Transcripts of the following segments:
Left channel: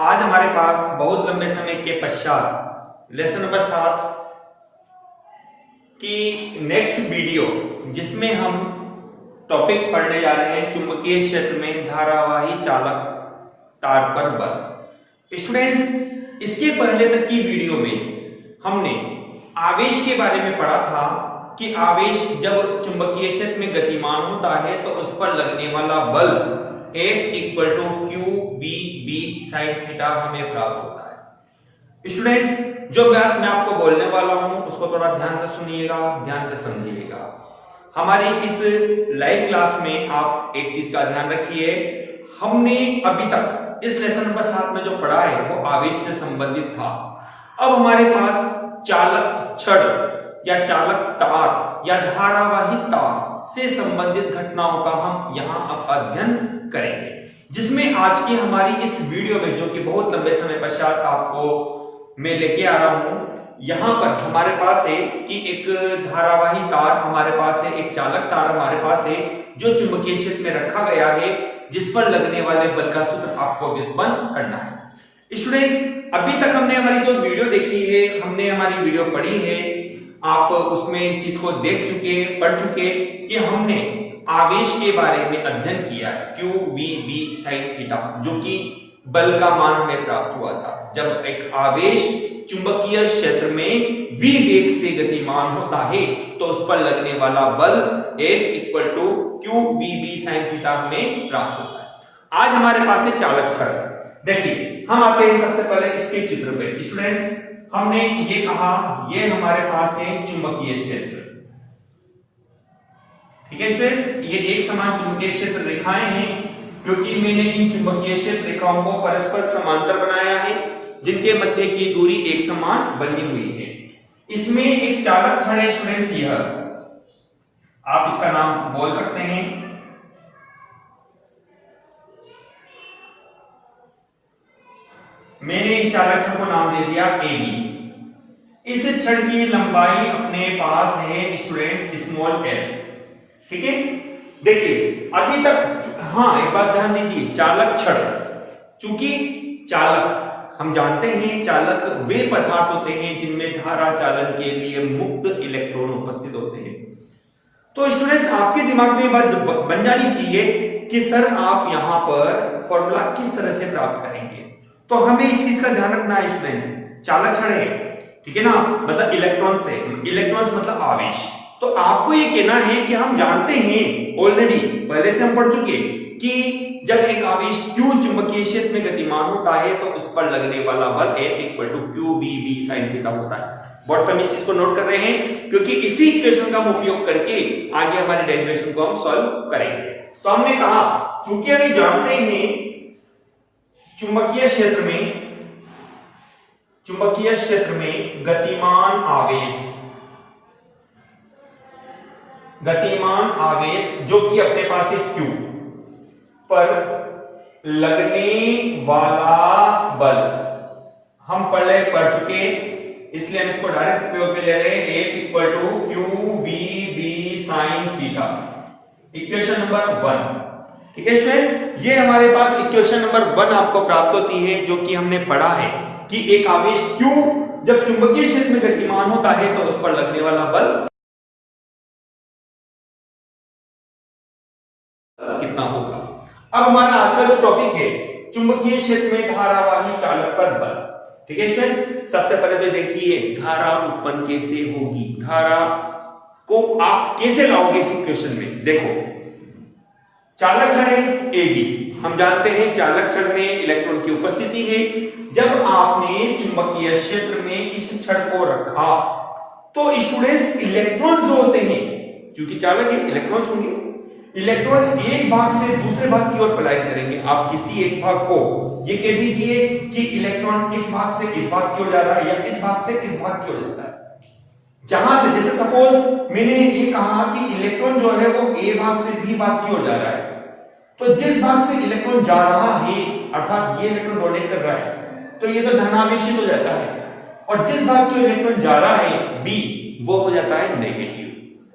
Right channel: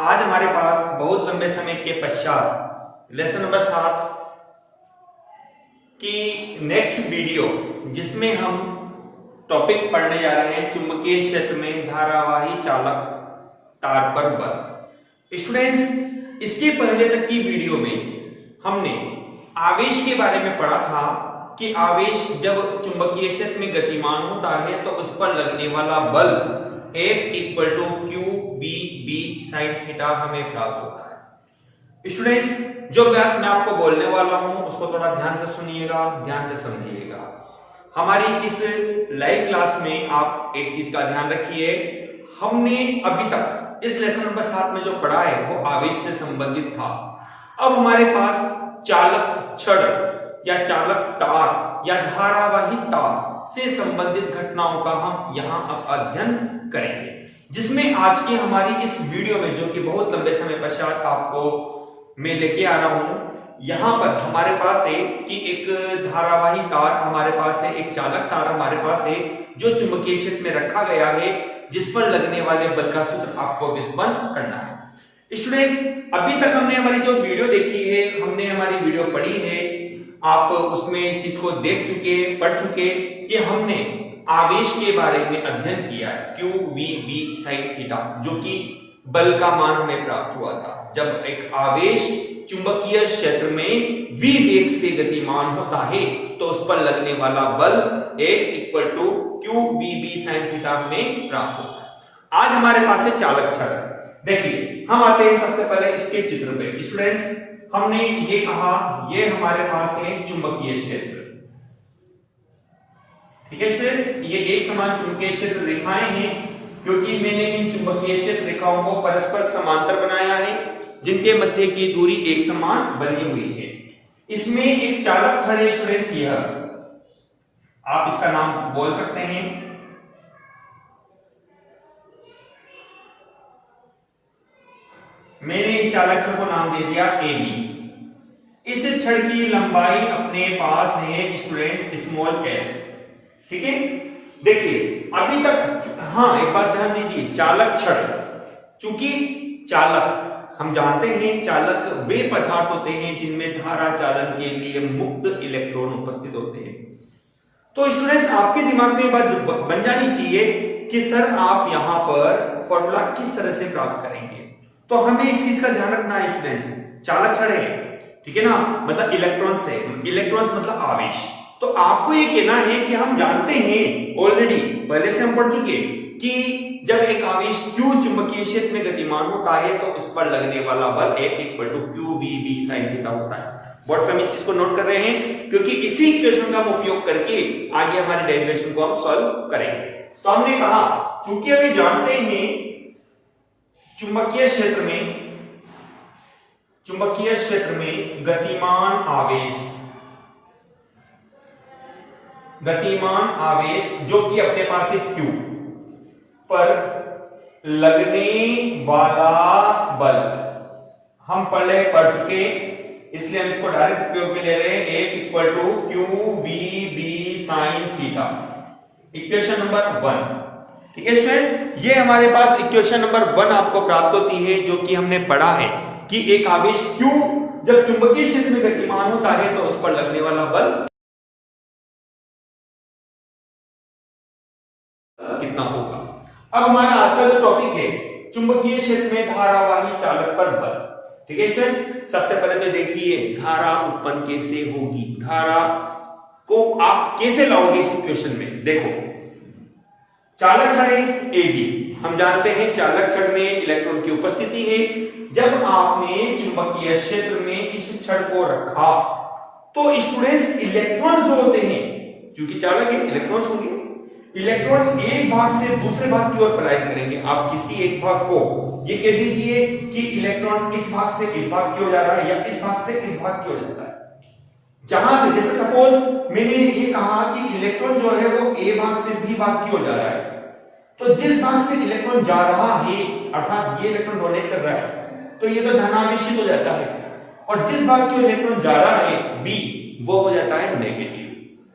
आज हमारे पास बहुत लंबे समय के पश्चात लेसन नंबर 7 की नेक्स्ट वीडियो, जिसमें हम टॉपिक पढ़ने जा रहे हैं चुंबकीय क्षेत्र में धारावाही चालक तार पर बल। स्टूडेंट्स, इसके पहले तक की वीडियो में हमने आवेश के बारे में पढ़ा था कि आवेश जब चुंबकीय क्षेत्र में गतिमान होता है तो उस पर लगने वाला बल F equal to Q B B sine theta हमें प्राप्त होता है। स्टूडेंट्स, जो बात मैं आपको बोलने वाला हूं उसको थोड़ा ध्यान से सुनिएगा, ध्यान से समझिएगा। हमारी इस लाइव क्लास में आप एक चीज का ध्यान रखिए, हमने अभी तक इस लेसन नंबर 7 में जो पढ़ा है वो आवेश से संबंधित था। अब हमारे पास चालक छड़ या चालक तार या धारावाही तार से संबंधित घटनाओं का हम यहां अब अध्ययन करेंगे, जिसमें आज की हमारी इस वीडियो में, जो कि बहुत लंबे समय पश्चात आपको मैं लेके आ रहा हूं, यहां पर हमारे पास है कि एक धारावाही तार हमारे पास है, एक चालक तार हमारे पास है जो चुंबकीय क्षेत्र में रखा गया है, जिस पर लगने वाले बल का सूत्र आपको व्युत्पन्न करना है। स्टूडेंट्स, अभी तक हमने हमारी जो वीडियो देखी है, हमने हमारी वीडियो पढ़ी है, आप उसमें इस चीज को देख चुके, पढ़ चुके कि हमने आवेश के बारे में अध्ययन किया है, Q V B sine theta, जो कि बल का मान हमें प्राप्त हुआ था जब एक आवेश चुंबकीय क्षेत्र में v वेग से गतिमान होता है तो उस पर लगने वाला बल F equal to Q V B sine theta हमें प्राप्त होता है। आज हमारे पास है चालक छड़। देखिए, हम आते हैं सबसे पहले इसके चित्र पे। स्टूडेंट्स, हमने ये कहा ये हमारे पास है चुंबकीय क्षेत्र, ठीक है स्टूडेंट्स, ये एक समान चुंबकीय क्षेत्र रेखाएं हैं, क्योंकि मैंने इन चुंबकीय क्षेत्र रेखाओं को परस्पर समांतर बनाया है, जिनके मध्य की दूरी एक समान बनी हुई है। इसमें एक चालक छड़ है स्टूडेंट्स, यह आप इसका नाम बोल सकते हैं, मैंने इस चालक छड़ को नाम दे दिया ए बी। इस छड़ की लंबाई अपने पास है स्टूडेंट्स स्मॉल एल, ठीक है। देखिए अभी तक, हाँ एक बात ध्यान दीजिए, चालक छड़, चूंकि चालक हम जानते हैं चालक वे पदार्थ होते हैं जिनमें धारा चालन के लिए मुक्त इलेक्ट्रॉन उपस्थित होते हैं। तो स्टूडेंट्स, आपके दिमाग में बात बन जानी चाहिए कि सर आप यहां पर फॉर्मूला किस तरह से प्राप्त करेंगे। तो हमें इस चीज का ध्यान रखना है स्टूडेंट्स, चालक छड़ है, ठीक है ना, मतलब इलेक्ट्रॉन्स है, इलेक्ट्रॉन्स मतलब आवेश। तो आपको ये कहना है कि हम जानते हैं ऑलरेडी, पहले से हम पढ़ चुके कि जब एक आवेश Q चुंबकीय क्षेत्र में गतिमान होता है तो उस पर लगने वाला बल F equal to Q B B sine theta होता है। बोर्ड पर हम इस चीज को नोट कर रहे हैं, क्योंकि इसी इक्वेशन का हम उपयोग करके आगे हमारे डेरिवेशन को हम सॉल्व करेंगे। तो हमने कहा, चूंकि हम जानते हैं चुंबकीय क्षेत्र में गतिमान आवेश जो कि अपने पास है Q पर लगने वाला बल हम पढ़ चुके, इसलिए हम इसको डायरेक्ट उपयोग में ले रहे हैं, F equal to Q V B sine theta, equation number 1, ठीक है स्टूडेंट्स। ये हमारे पास इक्वेशन नंबर 1 आपको प्राप्त होती है, जो कि हमने पढ़ा है कि एक आवेश Q जब चुंबकीय क्षेत्र में गतिमान होता है तो उस पर लगने वाला बल कितना होगा। अब हमारा आज का जो टॉपिक है चुंबकीय क्षेत्र में धारावाही चालक पर बल, ठीक है स्टूडेंट्स। सबसे पहले तो देखिए धारा उत्पन्न कैसे होगी, धारा को आप कैसे लाओगे इस इक्वेशन में। देखो, चालक छड़ है ए बी, हम जानते हैं चालक छड़ में इलेक्ट्रॉन की उपस्थिति है। जब आपने चुंबकीय क्षेत्र में इस छड़ को रखा तो स्टूडेंट्स इलेक्ट्रॉन जो होते हैं, क्योंकि चालक है इलेक्ट्रॉन्स होंगे, इलेक्ट्रॉन एक भाग से दूसरे भाग की ओर पलायन करेंगे। आप किसी एक भाग को ये कह दीजिए कि इलेक्ट्रॉन इस भाग से इस भाग की ओर जा रहा है या इस भाग से इस भाग की ओर जाता है। जहां से, जैसे सपोज मैंने ये कहा कि इलेक्ट्रॉन जो है वो ए भाग से बी भाग की ओर जा रहा है, तो जिस भाग से इलेक्ट्रॉन जा रहा है, अर्थात ये इलेक्ट्रॉन डोनेट कर रहा है, तो ये तो धनावेशित हो जाता है, और जिस भाग की ओर इलेक्ट्रॉन जा रहा है बी, वो हो जाता है नेगेटिव,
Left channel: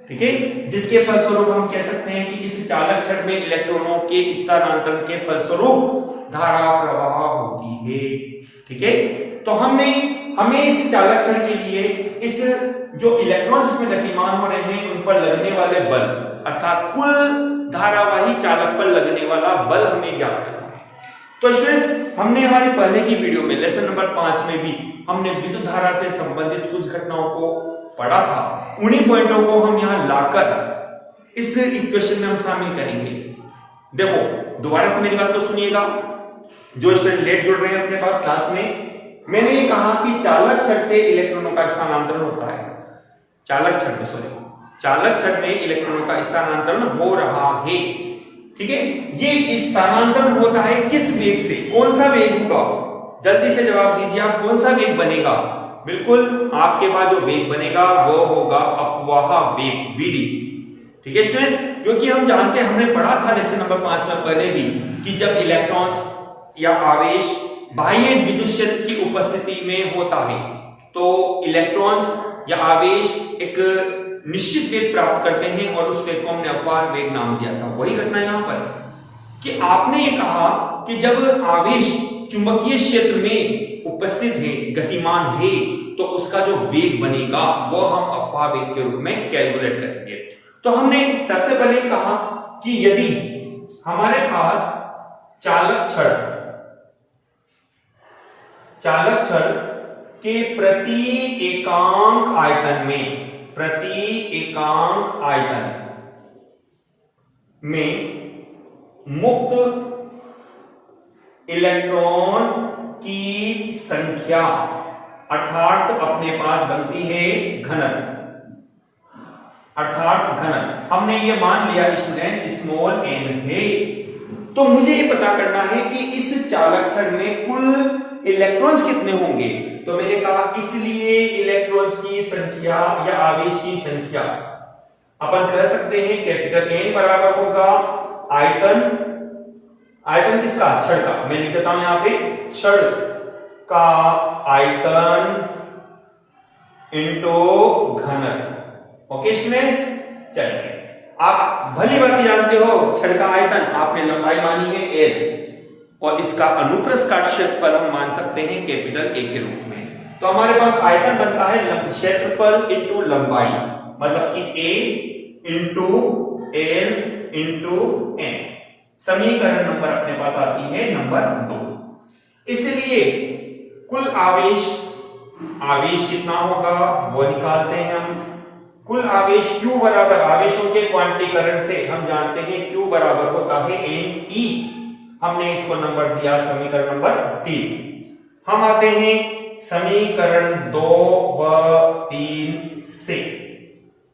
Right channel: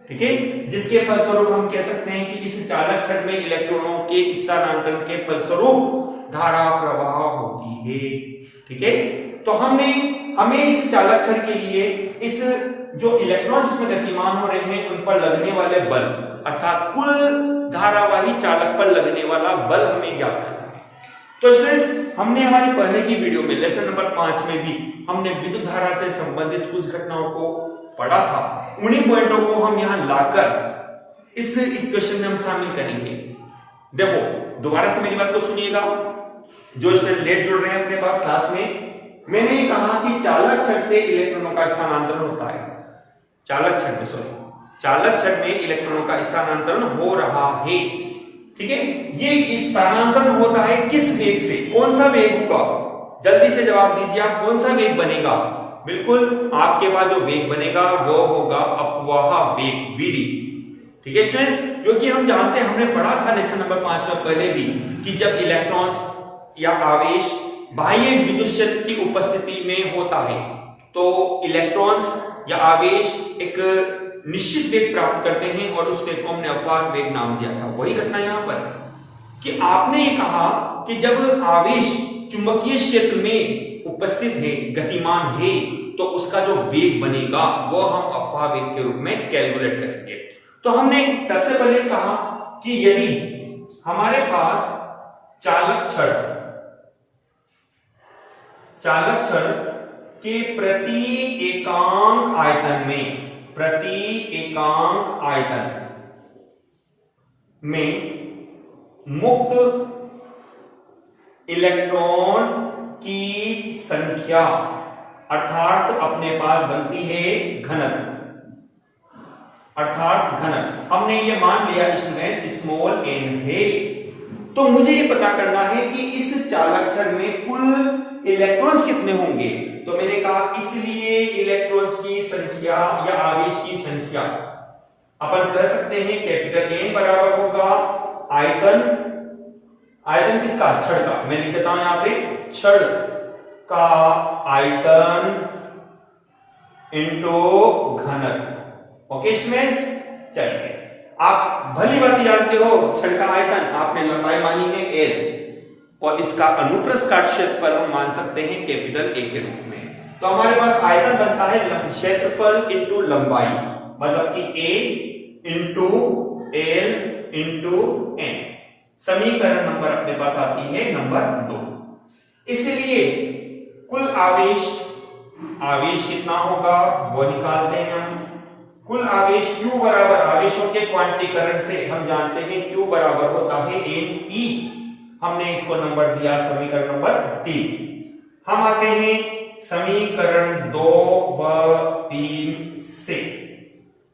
ठीक है। जिसके फलस्वरूप हम कह सकते हैं कि इस चालक छड़ में इलेक्ट्रॉनों के स्थानांतरण के फलस्वरूप धारा प्रवाह होती है। ठीक है, तो हमें इस चालक छड़ के लिए इस जो इलेक्ट्रॉन्स इसमें गतिमान हो रहे हैं उन पर लगने वाले बल अर्थात कुल धारावाही चालक पर लगने वाला बल हमें ज्ञात करना है। तो स्टूडेंट्स, हमने हमारी पहले की वीडियो में लेसन नंबर 5 में भी हमने विद्युत धारा से संबंधित कुछ घटनाओं को पढ़ा था। उन्हीं पॉइंटों को हम यहां लाकर इस इक्वेशन में हम शामिल करेंगे। देखो, दोबारा से मेरी बात को सुनिएगा। जो स्टूडेंट लेट जुड़ रहे हैं अपने पास क्लास में, मैंने ये कहा कि चालक छड़ से इलेक्ट्रॉनों का स्थानांतरण होता है। चालक छड़ में इलेक्ट्रॉनों का स्थानांतरण हो रहा है। ठीक है, ये स्थानांतरण होता है किस वेग से? कौन सा वेग होगा? जल्दी से जवाब दीजिए आप, कौन सा वेग बनेगा? बिल्कुल, आपके पास जो वेग बनेगा वो होगा अपवाह वेग, वीडी। ठीक है स्टूडेंट्स, क्योंकि हम जानते हैं, हमने पढ़ा था लेसन नंबर 5 में पहले भी कि जब इलेक्ट्रॉन्स या आवेश बाह्य विद्युत क्षेत्र की उपस्थिति में होता है तो इलेक्ट्रॉन्स या आवेश एक निश्चित वेग प्राप्त करते हैं और उस वेग को हमने अपवाह वेग नाम दिया था। वही घटना यहां पर कि आपने ये कहा कि जब आवेश चुंबकीय क्षेत्र में उपस्थित है, गतिमान है, तो उसका जो वेग बनेगा वो हम अपवाह वेग के रूप में कैलकुलेट करेंगे। तो हमने सबसे पहले कहा कि यदि हमारे पास चालक छड़ के प्रति एकांक आयतन में मुक्त इलेक्ट्रॉन की संख्या अर्थात अपने पास बनती है घनत्व, हमने ये मान लिया स्टूडेंट स्मॉल n है। तो मुझे ये पता करना है कि इस चालक छड़ में कुल इलेक्ट्रॉन्स कितने होंगे। तो मैंने कहा इसलिए इलेक्ट्रॉन्स की संख्या या आवेश की संख्या अपन कह सकते हैं कैपिटल N बराबर होगा आयतन किसका? छड़ का। मैं लिख देता हूं यहां पे छड़ का आयतन इंटू घनत्व। ओके स्टूडेंट्स, चलिए, आप भली बात जानते हो छड़ का आयतन, आपने लंबाई मानी है L और इसका अनुप्रस्थ काट क्षेत्रफल हम मान सकते हैं कैपिटल A के रूप में। तो हमारे पास आयतन बनता है क्षेत्रफल इंटू लंबाई, मतलब कि A into L into N। समीकरण नंबर अपने पास आती है नंबर 2। इसलिए कुल आवेश कितना होगा वो निकालते हैं हम। कुल आवेश Q बराबर, आवेशों के क्वांटीकरण से हम जानते हैं Q बराबर होता है NE। हमने इसको नंबर दिया समीकरण नंबर 3। हम आते हैं समीकरण 2 व 3 से।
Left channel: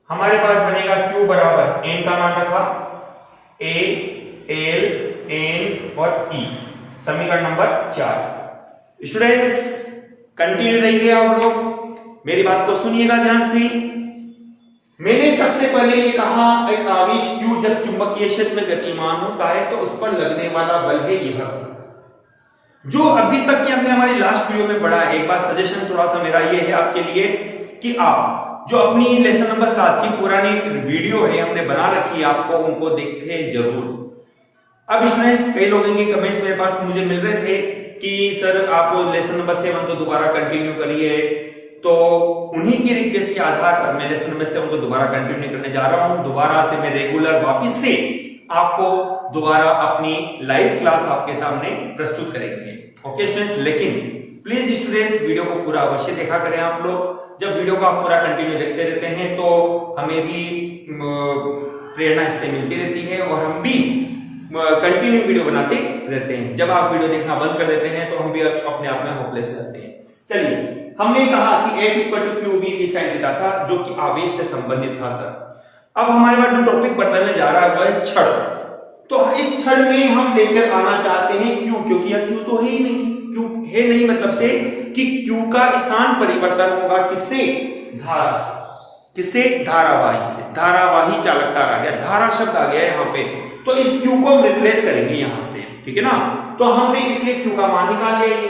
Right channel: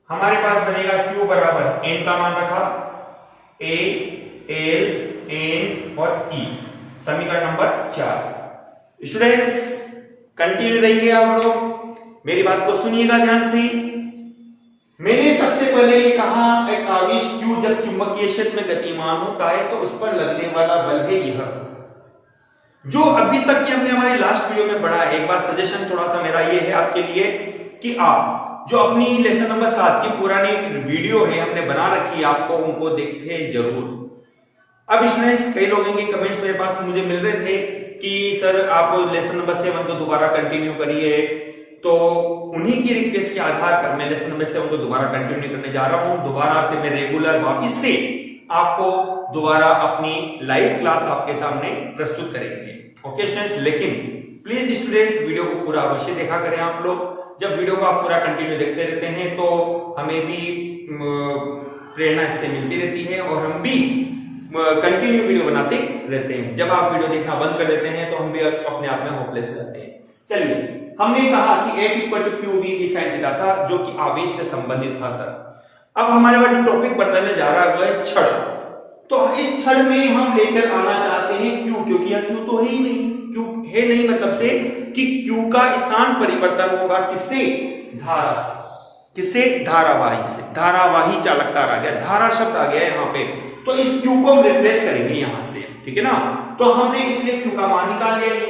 हमारे पास बनेगा Q बराबर N का मान रखा A, L, N और E। समीकरण नंबर 4। स्टूडेंट्स, कंटिन्यू रहिए आप लोग, मेरी बात को सुनिएगा ध्यान से। मैंने सबसे पहले ये कहा एक आवेश Q जब चुंबकीय क्षेत्र में गतिमान होता है तो उस पर लगने वाला बल है यह, जो अभी तक की हमने हमारी लास्ट वीडियो में पढ़ा है। एक बार सजेशन थोड़ा सा मेरा ये है आपके लिए कि आप जो अपनी लेसन नंबर 7 की पुरानी वीडियो है हमने बना रखी है, आपको उनको देखें जरूर। अब स्टूडेंट्स, कई लोगों के कमेंट्स मेरे पास मुझे मिल रहे थे कि सर आप लेसन नंबर 7 को दोबारा कंटिन्यू करिए, तो उन्हीं की रिक्वेस्ट के आधार पर मैं लेसन नंबर 7 को दोबारा कंटिन्यू करने जा रहा हूं। दोबारा से मैं रेगुलर वापस से आपको दोबारा अपनी लाइव क्लास आपके सामने प्रस्तुत करेंगे। ओके स्टूडेंट्स, लेकिन प्लीज स्टूडेंट्स वीडियो को पूरा अवश्य देखा करें आप लोग। जब वीडियो को आप पूरा कंटिन्यू देखते रहते हैं तो हमें भी प्रेरणा इससे मिलती रहती है और हम भी कंटिन्यू वीडियो बनाते रहते हैं। जब आप वीडियो देखना बंद कर देते हैं तो हम भी अपने आप में होपलेस रहते हैं। चलिए, हमने कहा कि F = QV sin थीटा था, जो कि आवेश से संबंधित था सर। अब हमारे पास जो टॉपिक बताने जा रहा है वो है छड़। तो इस छड़ में हम लेकर आना चाहते हैं Q, क्योंकि यह Q तो है ही नहीं। Q है नहीं मतलब से कि Q का स्थान परिवर्तन होगा किससे? धारा से। किससे? धारावाही से। धारावाही चालकता आ गया, धारा शब्द आ गया यहाँ पे, तो इस Q को हम रिप्लेस करेंगे यहां से, ठीक है ना। तो हमने इसलिए Q का मान निकाल लिया। ये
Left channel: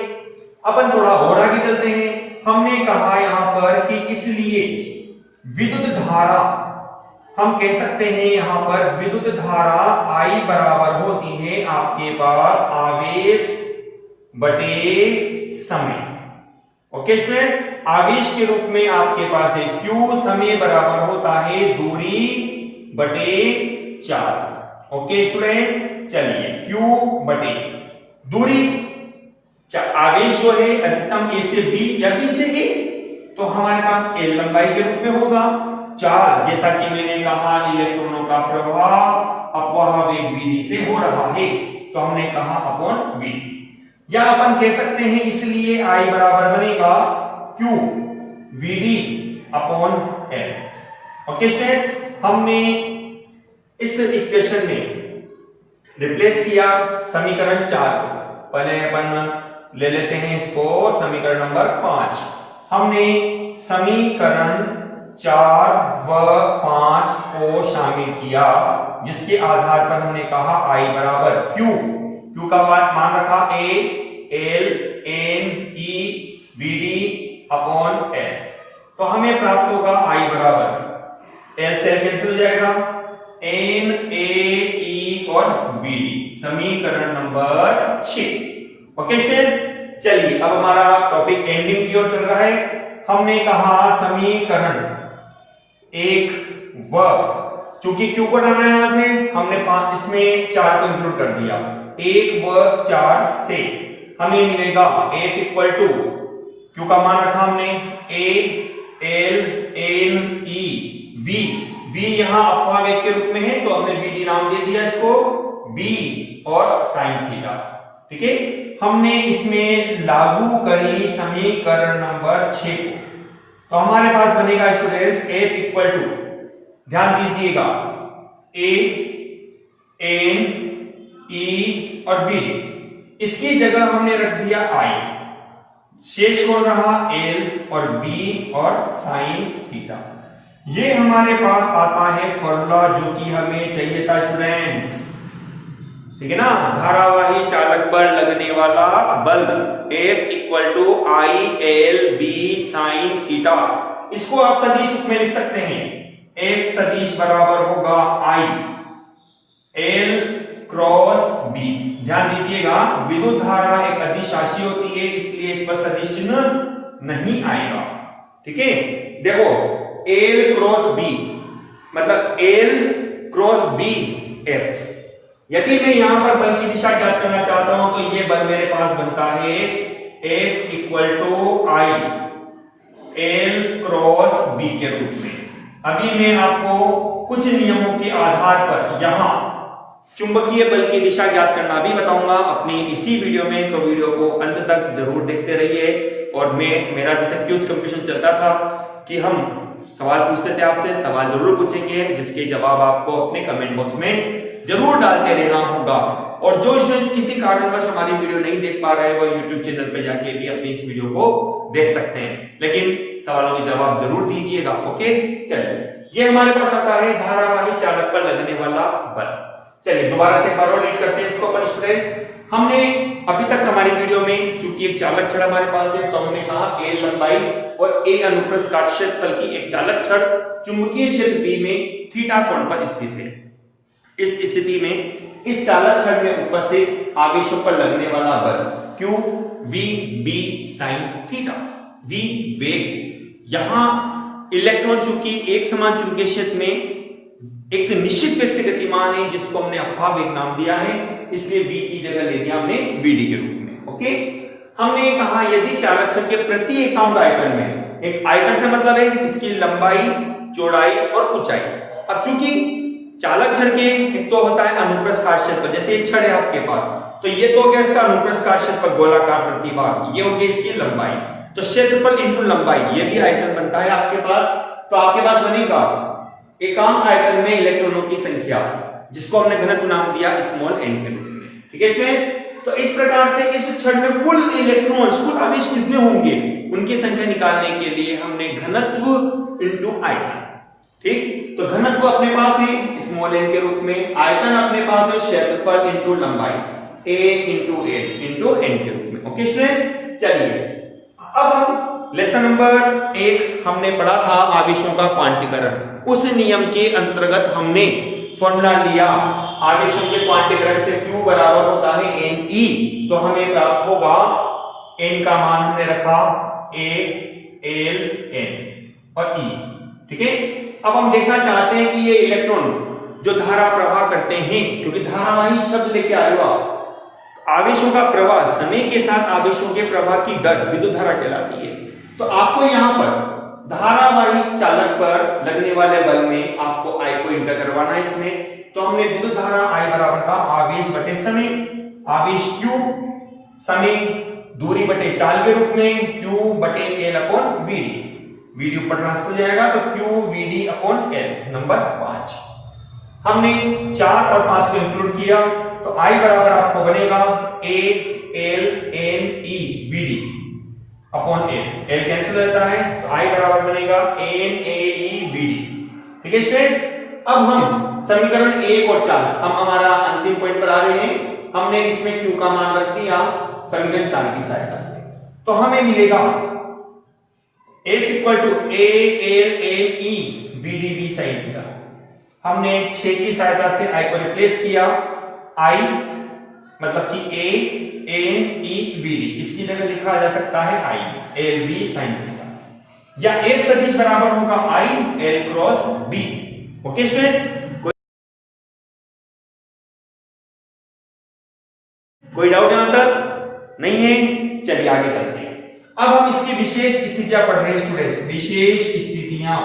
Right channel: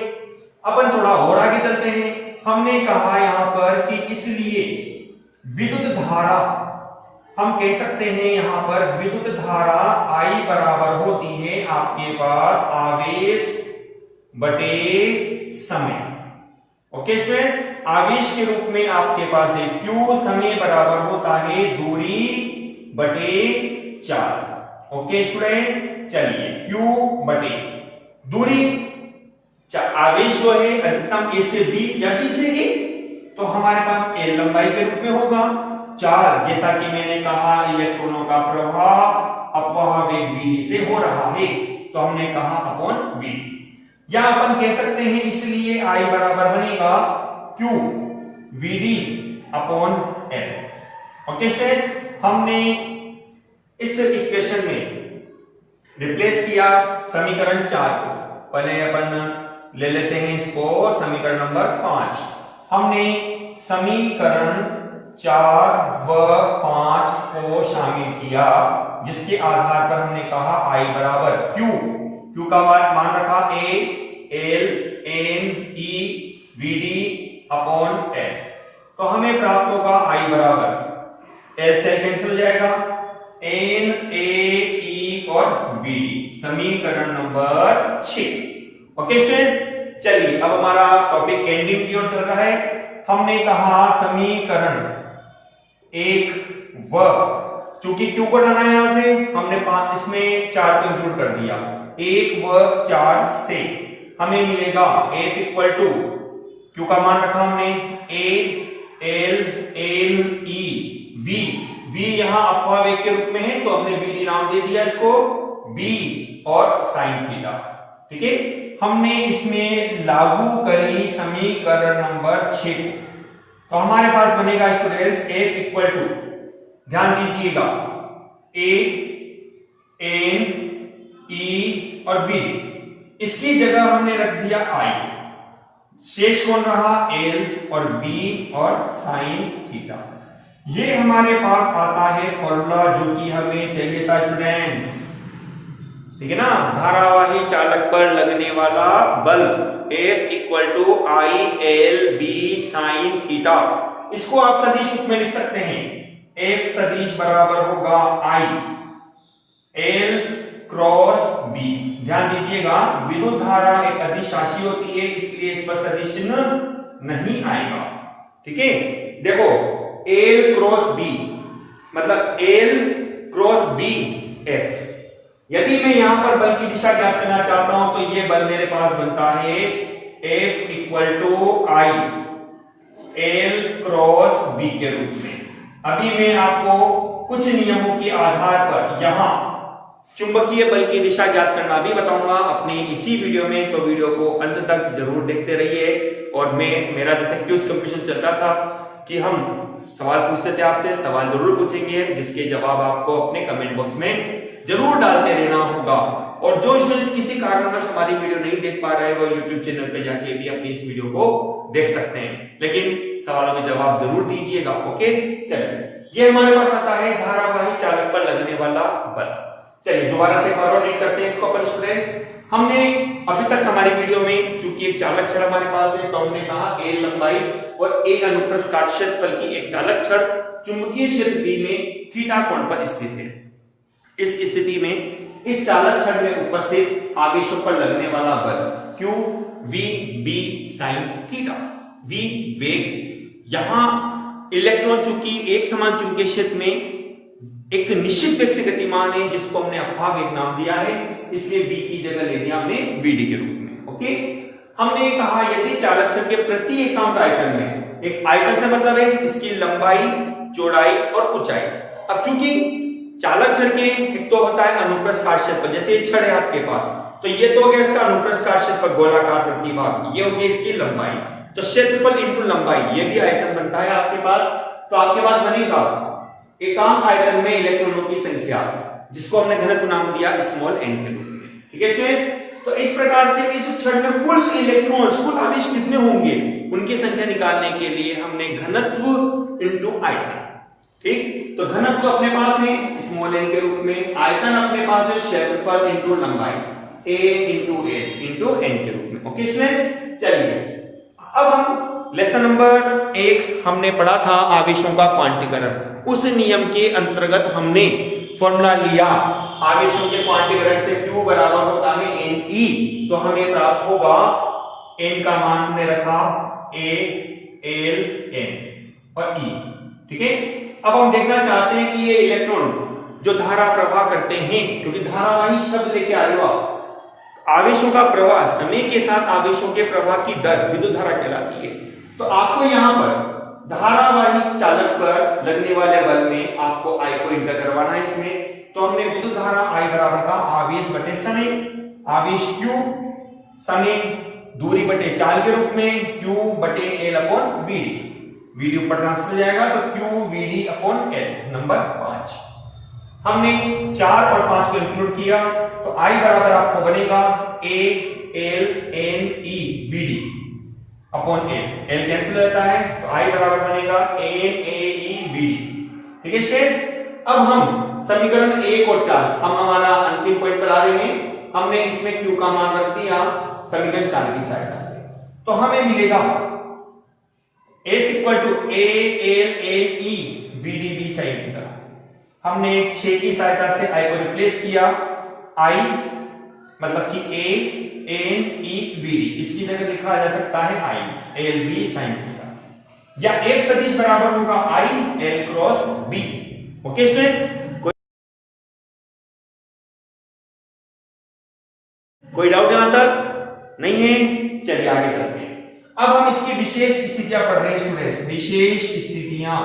अपन थोड़ा और आगे चलते हैं। हमने कहा यहां पर कि इसलिए विद्युत धारा हम कह सकते हैं यहां पर विद्युत धारा I बराबर होती है आपके पास आवेश बटे समय। ओके स्टूडेंट्स, आवेश के रूप में आपके पास है Q, समय बराबर होता है दूरी बटे चाल। ओके स्टूडेंट्स, चलिए Q बटे दूरी, आवेश जो है अधिकतम A से B या B से A, तो हमारे पास L लंबाई के रूप में होगा। चाल, जैसा कि मैंने कहा इलेक्ट्रॉनों का प्रवाह अपवाह वेग VD से हो रहा है, तो हमने कहा अपॉन VD, या अपन कह सकते हैं इसलिए I बराबर बनेगा Q VD upon L। Okay students, हमने इस इक्वेशन में रिप्लेस किया समीकरण 4 को। पहले अपन ले लेते हैं इसको समीकरण नंबर 5। हमने समीकरण 4 व 5 को शामिल किया, जिसके आधार पर हमने कहा I बराबर Q का मान रखा A L N E VD upon L, तो हमें प्राप्त होगा I बराबर L से कैंसिल हो जाएगा, N A E और VD, समीकरण नंबर 6। ओके स्टूडेंट्स, चलिए अब हमारा टॉपिक एंडिंग की ओर चल रहा है। हमने कहा समीकरण 1 व, चूंकि क्यू को हटाना है यहां से, हमने 5 इसमें 4 को इंक्लूड कर दिया, 1 व 4 से हमें मिलेगा F इक्वल टू, क्यू का मान रखा हमने A L N E V यहां अपवाह वेग के रूप में है, तो हमने VD नाम दे दिया इसको, B और साइन थीटा। ठीक है, हमने इसमें लागू करी समीकरण नंबर 6 को, तो हमारे पास बनेगा स्टूडेंट्स F इक्वल टू, ध्यान दीजिएगा, A N E और V, इसकी जगह हमने रख दिया I, शेष कौन रहा L और B और साइन थीटा। ये हमारे पास आता है फॉर्मूला जो कि हमें चाहिए था स्टूडेंट्स, ठीक है ना, धारावाही चालक पर लगने वाला बल F equal to I L B sine theta. इसको आप सदिश रूप में लिख सकते हैं, F सदिश बराबर होगा I L क्रॉस B। ध्यान दीजिएगा, विद्युत धारा एक अदिश राशि होती है, इसलिए इस पर सदिश चिन्ह नहीं आएगा। ठीक है, देखो L क्रॉस B मतलब L क्रॉस B F। यदि मैं यहां पर बल की दिशा ज्ञात करना चाहता हूं, तो ये बल मेरे पास बनता है F equal to I L cross B के रूप में। अभी मैं आपको कुछ नियमों के आधार पर यहां चुंबकीय बल की दिशा ज्ञात करना भी बताऊंगा अपनी इसी वीडियो में, तो वीडियो को अंत तक जरूर देखते रहिए। और मेरा जैसे क्विज कंपटीशन चलता था कि हम सवाल पूछते थे, आपसे सवाल जरूर पूछेंगे, जिसके जवाब आपको अपने कमेंट बॉक्स में जरूर डालते रहना होगा। और जो स्टूडेंट्स किसी कारणवश हमारी वीडियो नहीं देख पा रहे, वो यूट्यूब चैनल पे जाके भी अपनी इस वीडियो को देख सकते हैं, लेकिन सवालों के जवाब जरूर दीजिएगा। ओके, चलिए ये हमारे पास आता है धारावाही चालक पर लगने वाला बल। चलिए दोबारा से एक बार और रीड करते हैं इसको अपन स्टूडेंट्स। हमने अभी तक हमारी वीडियो में चूंकि एक चालक छड़ हमारे पास है, तो हमने कहा A लंबाई और A अनुप्रस्थ काट क्षेत्रफल की एक चालक छड़ चुंबकीय क्षेत्र B में थीटा कोण पर स्थित है। इस स्थिति में इस चालक छड़ में उपस्थित आवेशों पर लगने वाला बल Q V B sine theta. V वेग, यहां इलेक्ट्रॉन चूंकि एक समान चुंबकीय क्षेत्र में एक निश्चित वेग से गतिमान है, जिसको हमने अपवाह वेग नाम दिया है, इसलिए V की जगह ले दिया हमने VD के रूप में। ओके, हमने कहा यदि चालक छड़ के प्रति एकांक आयतन में, एक आयतन से मतलब है इसकी लंबाई, चौड़ाई और ऊंचाई। अब चूंकि चालक छड़ के एक तो होता है अनुप्रस्थ काट क्षेत्रफल, जैसे एक छड़ है आपके पास, तो ये तो हो गया इसका अनुप्रस्थ काट क्षेत्रफल गोलाकार प्रतिभाग, ये हो गया इसकी लंबाई, तो क्षेत्रफल इंटू लंबाई, ये भी आयतन बनता है आपके पास। तो आपके पास बनेगा एकांक आयतन में इलेक्ट्रॉनों की संख्या, जिसको हमने घनत्व नाम दिया स्मॉल n के रूप में। ठीक है स्टूडेंट्स, तो इस प्रकार से इस छड़ में कुल इलेक्ट्रॉन्स, कुल आवेश कितने होंगे, उनकी संख्या निकालने के लिए हमने घनत्व इंटू आयतन, ठीक, तो घनत्व अपने पास है स्मॉल n के रूप में, आयतन अपने पास है क्षेत्रफल इंटू लंबाई A into H into n के रूप में। ओके स्टूडेंट्स, चलिए अब हम लेसन नंबर 1 हमने पढ़ा था आवेशों का क्वांटीकरण। उस नियम के अंतर्गत हमने फॉर्मूला लिया आवेशों के क्वांटीकरण से Q बराबर होता है Ne, तो हमें प्राप्त होगा N का मान हमने रखा A L N और E। ठीक है, अब हम देखना चाहते हैं कि ये इलेक्ट्रॉन जो धारा प्रवाह करते हैं, क्योंकि धारावाही शब्द लेके आ रहे हो आप, आवेशों का प्रवाह, समय के साथ आवेशों के प्रवाह की दर विद्युत धारा कहलाती है। तो आपको यहां पर धारावाही चालक पर लगने वाले बल में आपको I को इंटर करवाना है इसमें। तो हमने विद्युत धारा I बराबर का आवेश बटे समय, आवेश Q समय दूरी बटे चाल के रूप में Q बटे L अपॉन VD, VD ऊपर ट्रांसफर हो जाएगा तो Q VD upon L। Number 5 हमने 4 और 5 को इंक्लूड किया तो I बराबर आपको बनेगा A L N E VD upon L, L cancel हो जाता है तो I बराबर बनेगा N A E VD। ठीक है स्टूडेंट्स, अब हम समीकरण 1 और 4 हम हमारा अंतिम पॉइंट पर आ रहे हैं। हमने इसमें Q का मान रख दिया समीकरण 4 की सहायता से, तो हमें मिलेगा F equal to A L N E VD V sin theta. हमने 6 की सहायता से I को रिप्लेस किया, I मतलब कि A N E VD, इसकी जगह लिखा जा सकता है I L B sin theta, या F सदिश बराबर होगा I L cross B। Okay students, कोई डाउट यहां तक नहीं है? चलिए आगे चलते हैं। अब हम इसकी विशेष स्थितियां पढ़ रहे हैं स्टूडेंट्स, विशेष स्थितियां।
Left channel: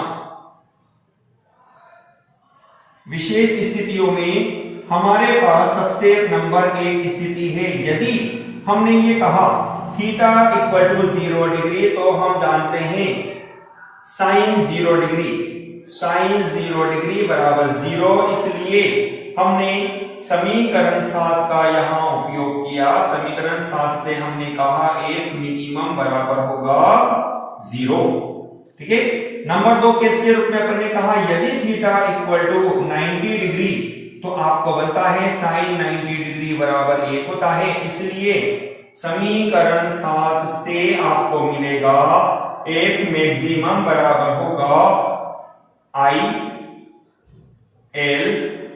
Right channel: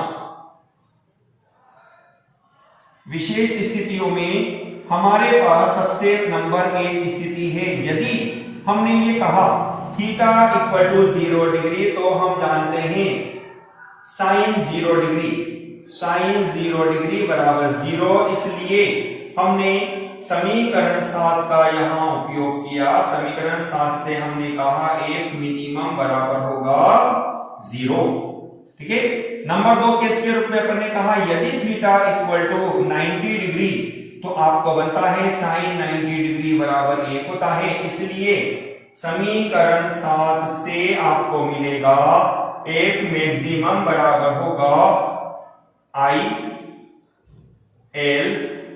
विशेष स्थितियों में हमारे पास सबसे नंबर 1 स्थिति है, यदि हमने ये कहा थीटा इक्वल टू 0 डिग्री, तो हम जानते हैं साइन 0 डिग्री, साइन 0 डिग्री बराबर 0, इसलिए हमने समीकरण 7 का यहां उपयोग किया। समीकरण 7 से हमने कहा F मिनिमम बराबर होगा 0। ठीक है, नंबर 2 केस के रूप में अपन ने कहा यदि थीटा इक्वल टू 90 डिग्री, तो आपको बनता है साइन 90 डिग्री बराबर 1 होता है, इसलिए समीकरण 7 से आपको मिलेगा F मैक्सिमम बराबर होगा I L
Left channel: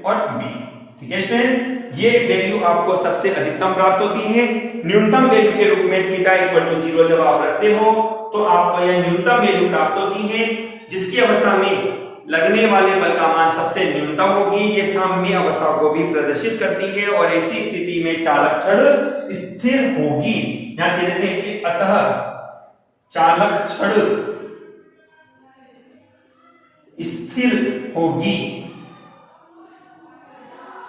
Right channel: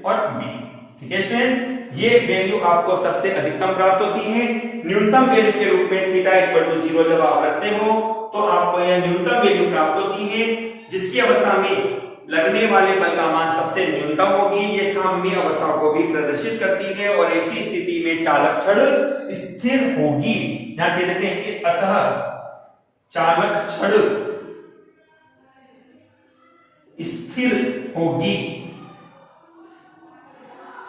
और B। ठीक है स्टूडेंट्स, ये वैल्यू आपको सबसे अधिकतम प्राप्त होती है। न्यूनतम वैल्यू के रूप में थीटा इक्वल टू 0 जब आप रखते हो तो आपको यह न्यूनतम वैल्यू प्राप्त होती है, जिसकी अवस्था में लगने वाले बल का मान सबसे न्यूनतम होगी। ये साम्य अवस्था को भी प्रदर्शित करती है और ऐसी स्थिति में चालक छड़ स्थिर होगी। यहां कह देते हैं कि अतः चालक छड़ स्थिर होगी।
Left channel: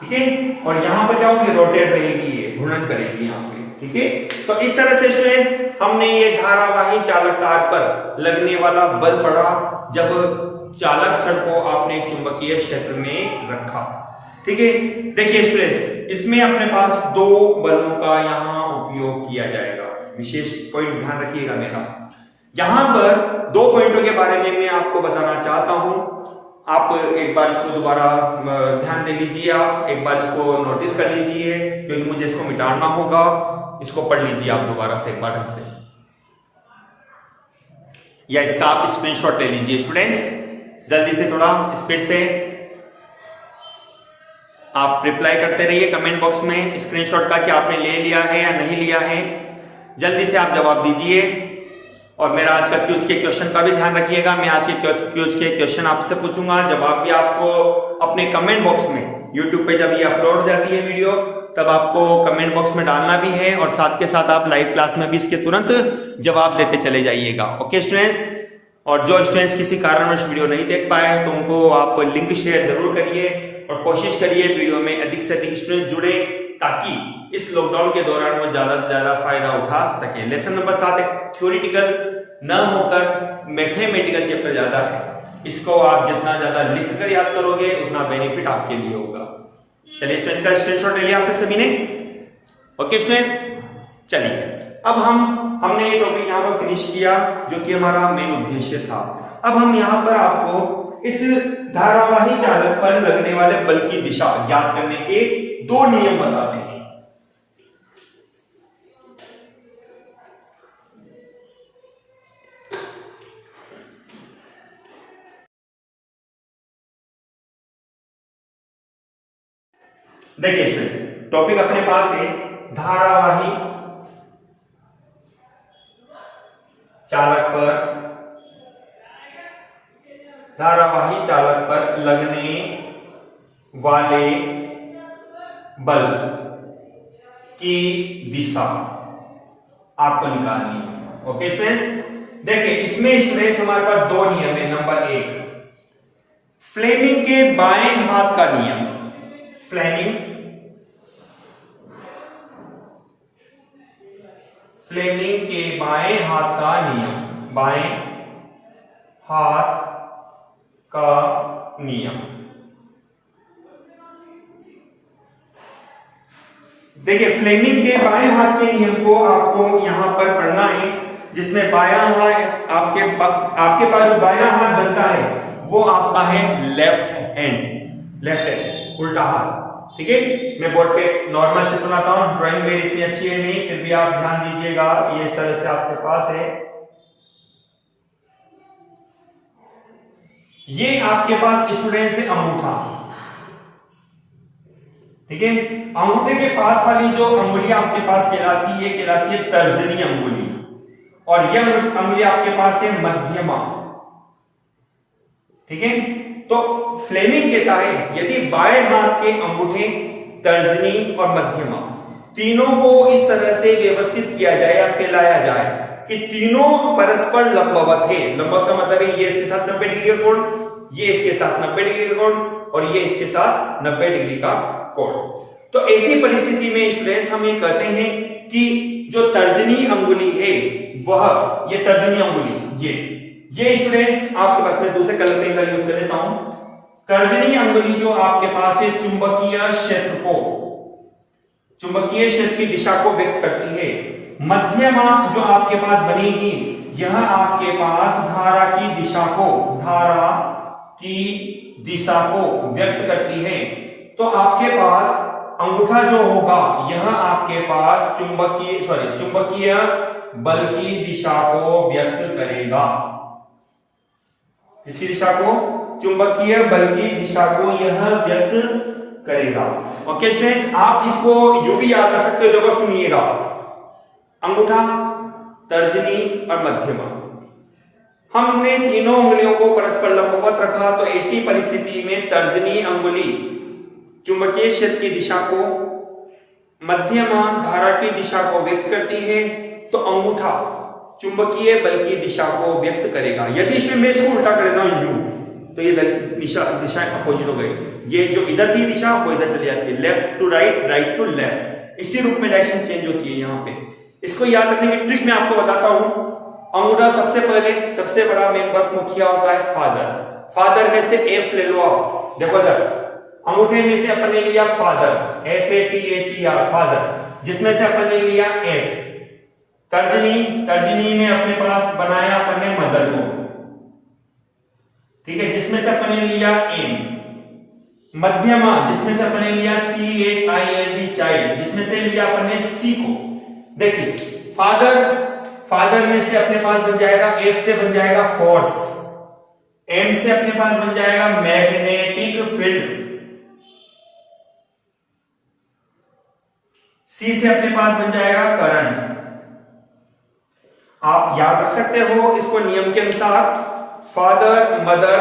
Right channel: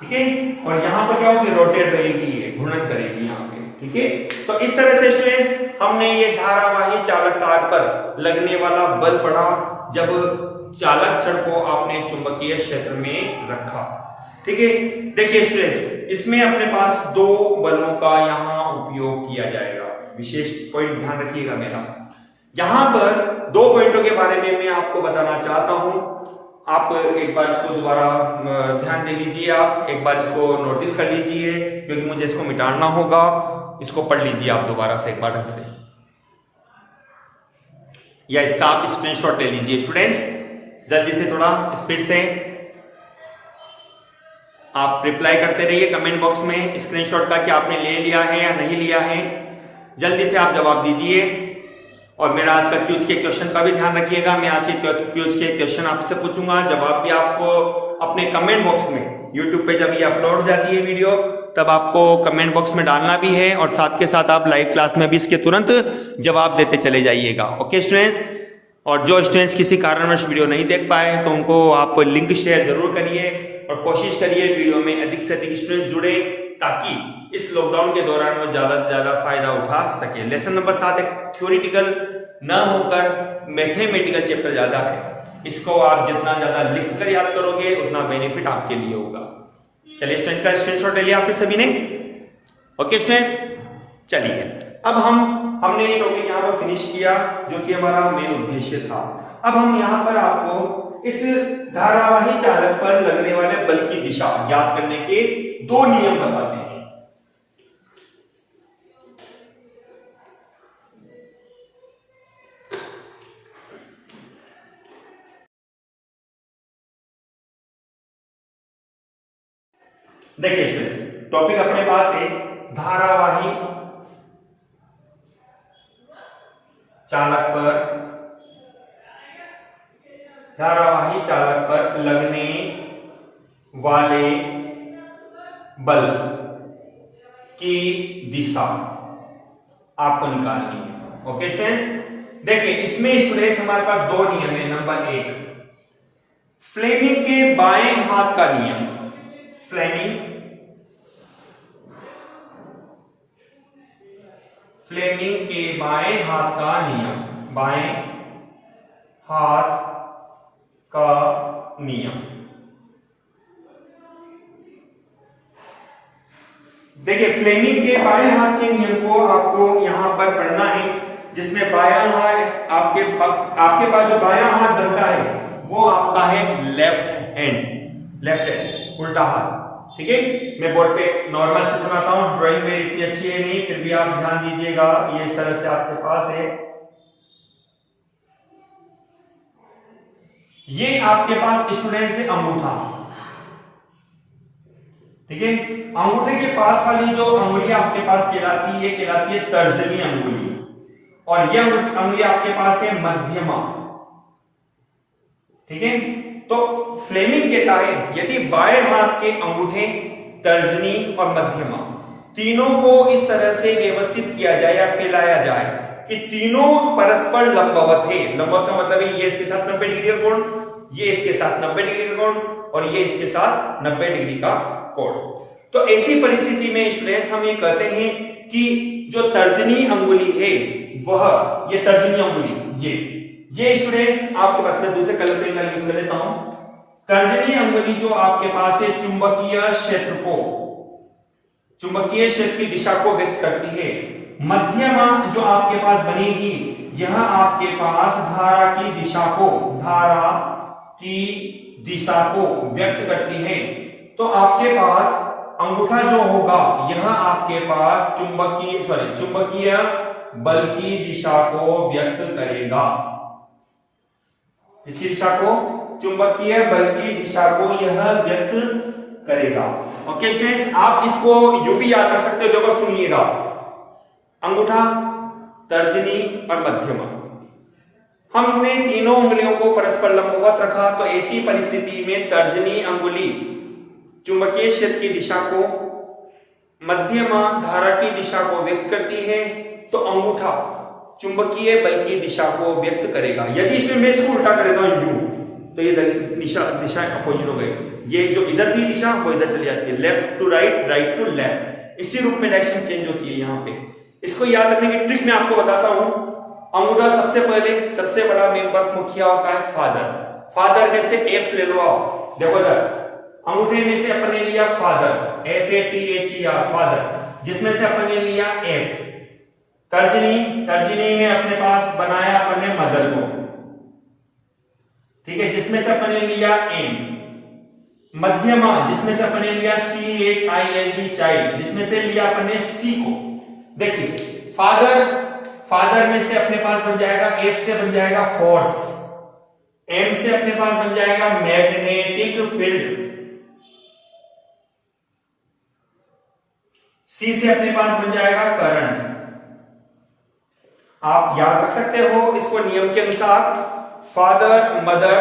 ठीक है, और यहां पर क्या होगी, रोटेट रहेगी, घूर्णन करेगी यहां पे। ठीक है, तो इस तरह से स्टूडेंट्स हमने ये धारावाही चालक तार पर लगने वाला बल पढ़ा जब चालक छड़ को आपने चुंबकीय क्षेत्र में रखा। ठीक है, देखिए स्टूडेंट्स, इसमें अपने पास 2 बलों का यहां उपयोग किया जाएगा। विशेष पॉइंट ध्यान रखिएगा मेरा, यहां पर 2 पॉइंटों के बारे में मैं आपको बताना चाहता हूं। आप एक बार इसको दोबारा ध्यान दे लीजिए, आप एक बार इसको नोटिस कर लीजिए, क्योंकि मुझे इसको मिटाना होगा। इसको पढ़ लीजिए आप दोबारा से एक बार ढंग से, या इसका आप स्क्रीनशॉट ले लीजिए स्टूडेंट्स, जल्दी से, थोड़ा स्पीड से आप रिप्लाई करते रहिए कमेंट बॉक्स में स्क्रीनशॉट का कि आपने ले लिया है या नहीं लिया है। जल्दी से आप जवाब दीजिए। और मेरा आज का क्यूज के क्वेश्चन का भी ध्यान रखिएगा। मैं आज के क्यूज के क्वेश्चन आपसे पूछूंगा, जवाब भी आपको अपने कमेंट बॉक्स में, यूट्यूब पे जब ये अपलोड हो जाती है वीडियो, तब आपको कमेंट बॉक्स में डालना भी है, और साथ के साथ आप लाइव क्लास में भी इसके तुरंत जवाब देते चले जाइएगा। ओके स्टूडेंट्स, और जो स्टूडेंट्स किसी कारणवश वीडियो नहीं देख पाए तो उनको आप लिंक शेयर जरूर करिए और कोशिश करिए वीडियो में अधिक से अधिक स्टूडेंट्स जुड़े, ताकि इस लॉकडाउन के दौरान वो ज्यादा से ज्यादा फायदा उठा सके। लेसन नंबर 7 एक थ्योरेटिकल न होकर मैथमेटिकल चैप्टर ज्यादा है, इसको आप जितना ज्यादा लिख कर याद करोगे उतना बेनिफिट आपके लिए होगा। चलिए स्टूडेंट्स, का स्क्रीनशॉट ले लिया आपने सभी ने? ओके स्टूडेंट्स, चलिए अब हमने ये टॉपिक यहाँ पर फिनिश किया जो कि हमारा मेन उद्देश्य था। अब हम यहाँ पर आपको इस धारावाही चालक पर लगने वाले बल की दिशा ज्ञात करने के 2 नियम बताते हैं। देखिए स्टूडेंट्स, टॉपिक अपने पास है धारावाही चालक पर लगने वाले बल की दिशा आपको निकालनी है। ओके स्टूडेंट्स, देखिए इसमें स्टूडेंट्स हमारे पास दो नियम है। नंबर एक, फ्लेमिंग के बाएं हाथ का नियम। फ्लेमिंग के बाएं हाथ का नियम, बाएं हाथ का नियम। देखिए फ्लेमिंग के बाएं हाथ के नियम को आपको यहां पर पढ़ना है, जिसमें बायां हाथ आपके पास जो बायां हाथ बनता है वो आपका है लेफ्ट हैंड, उल्टा हाथ। ठीक है, मैं बोर्ड पे नॉर्मल चित्र बनाता हूं, ड्राइंग मेरी इतनी अच्छी है नहीं, फिर भी आप ध्यान दीजिएगा। ये इस तरह से आपके पास है, ये आपके पास स्टूडेंट से अंगूठा। ठीक है, अंगूठे के पास वाली जो अंगुली आपके पास कहलाती है, ये कहलाती है तर्जनी अंगुली, और यह अंगुली आपके पास है मध्यमा। ठीक है, तो फ्लेमिंग कहता है यदि बाएं हाथ के अंगूठे, तर्जनी और मध्यमा तीनों को इस तरह से व्यवस्थित किया जाए या फैलाया जाए कि तीनों परस्पर लंबवत है। लंबवत का मतलब है ये इसके साथ 90 डिग्री का कोण, ये इसके साथ 90 डिग्री का कोण, और ये इसके साथ 90 डिग्री का कोण। तो ऐसी परिस्थिति में स्टूडेंट्स हम ये कहते हैं कि जो तर्जनी अंगुली है वह, ये तर्जनी अंगुली, ये स्टूडेंट्स आपके पास, में दूसरे कलर पेन का यूज कर लेता हूं। तर्जनी अंगुली जो आपके पास है चुंबकीय क्षेत्र की दिशा को व्यक्त करती है। मध्यमा जो आपके पास बनेगी, यह आपके पास धारा की दिशा को व्यक्त करती है। तो आपके पास अंगूठा जो होगा, यह आपके पास चुंबकीय बल की दिशा को व्यक्त करेगा। इसकी दिशा को, चुंबकीय बल की दिशा को यह व्यक्त करेगा। ओके स्टूडेंट्स, आप इसको यूं भी याद रख सकते हो। देखो सुनिएगा, अंगूठा, तर्जनी और मध्यमा, हमने तीनों उंगलियों को परस्पर लंबवत रखा। तो ऐसी परिस्थिति में तर्जनी अंगुली चुंबकीय क्षेत्र की दिशा को, मध्यमा धारा की दिशा को व्यक्त करती है, तो अंगूठा चुंबकीय बल की दिशा को व्यक्त करेगा। यदि इसमें मैं इसको उल्टा कर देता हूं यूं, तो ये दिशा अपोजिट हो गई। ये जो इधर की दिशा वो इधर चली जाती है, left to right, right to left, इसी रूप में डायरेक्शन चेंज होती है यहाँ पे। इसको याद रखने की ट्रिक मैं आपको बताता हूं। अंगूठा सबसे बड़ा मेंबर मुखिया होता है फादर में से एफ ले लो आप। देखो इधर अंगूठे में से अपन ने लिया फादर, FATHER फादर, जिसमें से अपन ने लिया एफ। तर्जनी में अपने पास बनाया अपन ने मदर को, ठीक है, जिसमें से अपन ने लिया एम। मध्यमा जिसमें से अपन ने लिया CHILD चाइल्ड, जिसमें से लिया अपन ने सी को। देखिए फादर में से अपने पास बन जाएगा, एफ से बन जाएगा फोर्स, एम से अपने पास बन जाएगा मैग्नेटिक फील्ड, सी से अपने पास बन जाएगा करंट। आप याद रख सकते हो इसको नियम के अनुसार, फादर मदर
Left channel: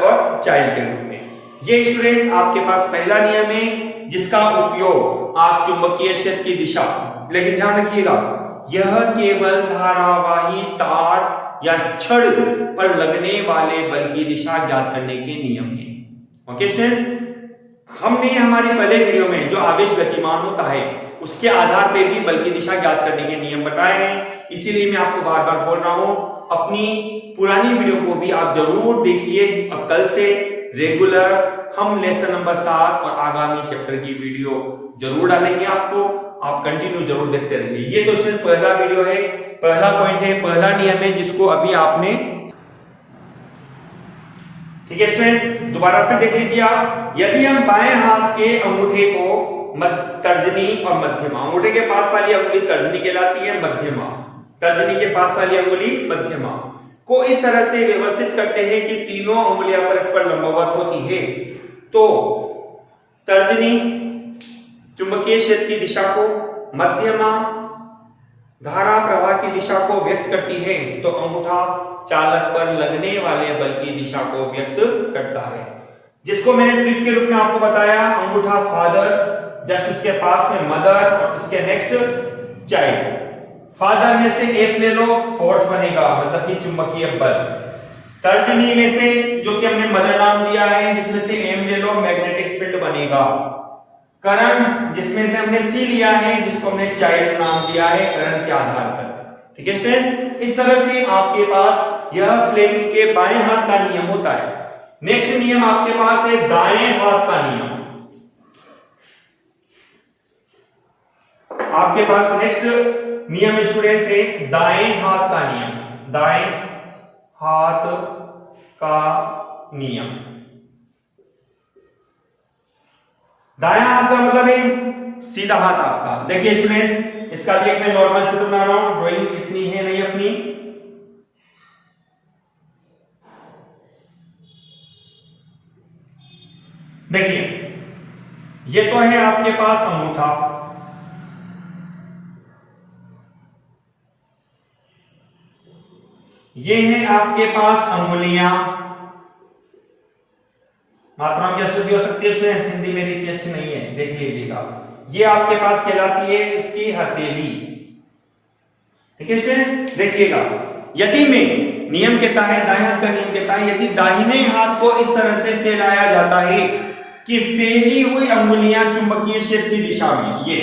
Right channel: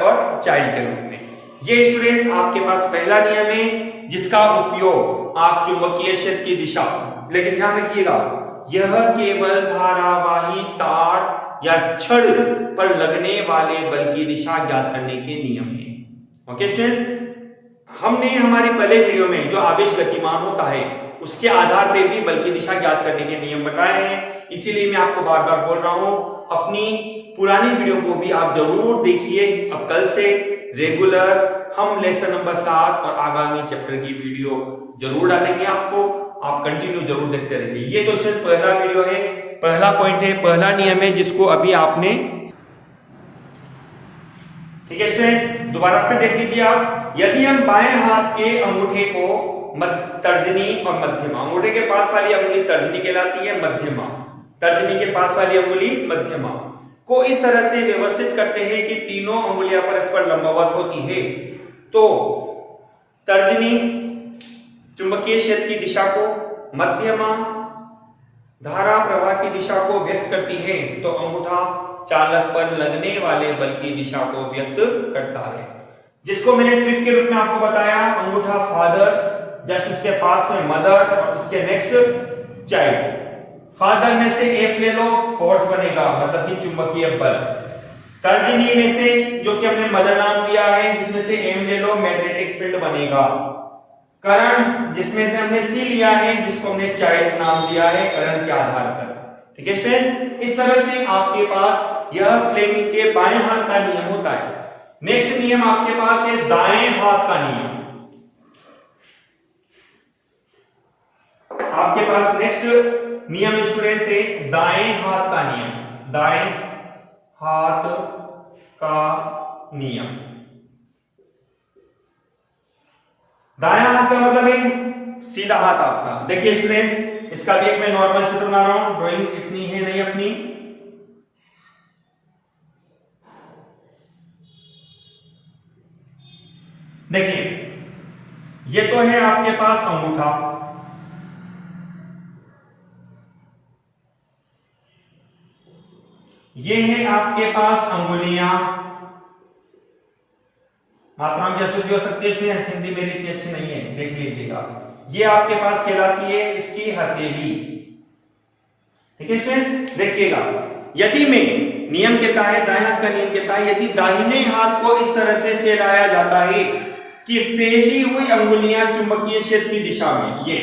और चाइल्ड के रूप में। ये स्टूडेंट्स आपके पास पहला नियम है, जिसका उपयोग आप चुंबकीय क्षेत्र की दिशा, लेकिन ध्यान रखिएगा यह केवल धारावाही तार या छड़ पर लगने वाले बल की दिशा ज्ञात करने के नियम है। ओके स्टूडेंट्स, हमने हमारी पहले वीडियो में जो आवेश गतिमान होता है उसके आधार पे भी बल की दिशा ज्ञात करने के नियम बताए हैं। इसीलिए मैं आपको बार बार बोल रहा हूं, अपनी पुरानी वीडियो को भी आप जरूर देखिए। अब कल से रेगुलर हम लेसन नंबर 7 और आगामी चैप्टर की वीडियो जरूर डालेंगे आपको, आप कंटिन्यू जरूर देखते रहिए। ये तो सिर्फ पहला वीडियो है, पहला पॉइंट है, पहला नियम है, जिसको अभी आपने, ठीक है स्टूडेंट्स, दोबारा फिर देख लीजिए आप। यदि हम बाएं हाथ के अंगूठे को तर्जनी और मध्यमा, अंगूठे के पास वाली अंगुली तर्जनी कहलाती है, मध्यमा, तर्जनी के पास वाली अंगुली मध्यमा को इस तरह से व्यवस्थित करते हैं कि तीनों अंगुलियां परस्पर लंबवत होती है, तो तर्जनी चुंबकीय क्षेत्र की दिशा को, मध्यमा धारा प्रवाह की दिशा को व्यक्त करती है, तो अंगूठा चालक पर लगने वाले बल की दिशा को व्यक्त करता है, जिसको मैंने ट्रिक के रूप में आपको बताया। अंगूठा फादर, जस्ट उसके पास में मदर और उसके नेक्स्ट चाइल्ड। फादर में से एक ले लो, फोर्स बनेगा, मतलब कि चुंबकीय बल। तर्जनी में से, जो कि हमने मदर नाम दिया है, जिसमें से एम ले लो, मैग्नेटिक फील्ड बनेगा। करंट, जिसमें से हमने सी लिया है, जिसको हमने चाइल्ड नाम दिया है करंट के आधार पर। ठीक है स्टूडेंट्स, इस तरह से आपके पास यह फ्लेमिंग के बाएं हाथ का नियम होता है। नेक्स्ट नियम आपके पास है दाएं हाथ का नियम। आपके पास नेक्स्ट नियम स्टूडेंट्स है दाएं हाथ का नियम। दाएं हाथ का नियम, दायां हाथ का मतलब है सीधा हाथ आपका। देखिए स्टूडेंट्स, इसका भी एक मैं नॉर्मल चित्र बना रहा हूं, ड्राइंग इतनी है नहीं अपनी। देखिए, ये तो है आपके पास अंगूठा, ये है आपके पास अंगुलियां। मात्राओं की अशुद्धि हो सकती है, हिंदी मेरी इतनी अच्छी नहीं है, देख लीजिएगा। ये आपके पास कहलाती है इसकी हथेली। ठीक है स्टूडेंट्स, देखिएगा, यदि मैं नियम कहता है, दाएं हाथ का नियम कहता है, यदि दाहिने हाथ को इस तरह से फैलाया जाता है कि फैली हुई अंगुलियां चुंबकीय क्षेत्र की दिशा में, ये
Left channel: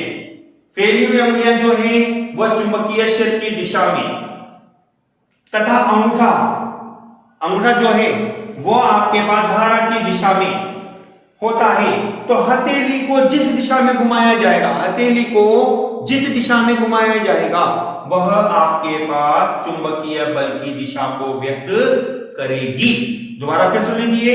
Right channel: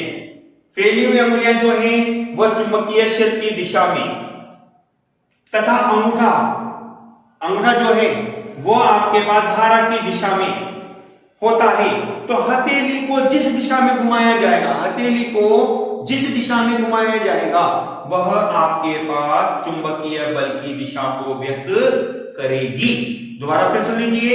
फैली हुई अंगुलियां जो है वह चुंबकीय क्षेत्र की दिशा में, तथा अंगूठा जो है वो आपके पास धारा की दिशा में होता है, तो हथेली को जिस दिशा में घुमाया जाएगा, हथेली को जिस दिशा में घुमाया जाएगा, वह आपके पास चुंबकीय बल की दिशा को व्यक्त करेगी। दोबारा फिर सुन लीजिए,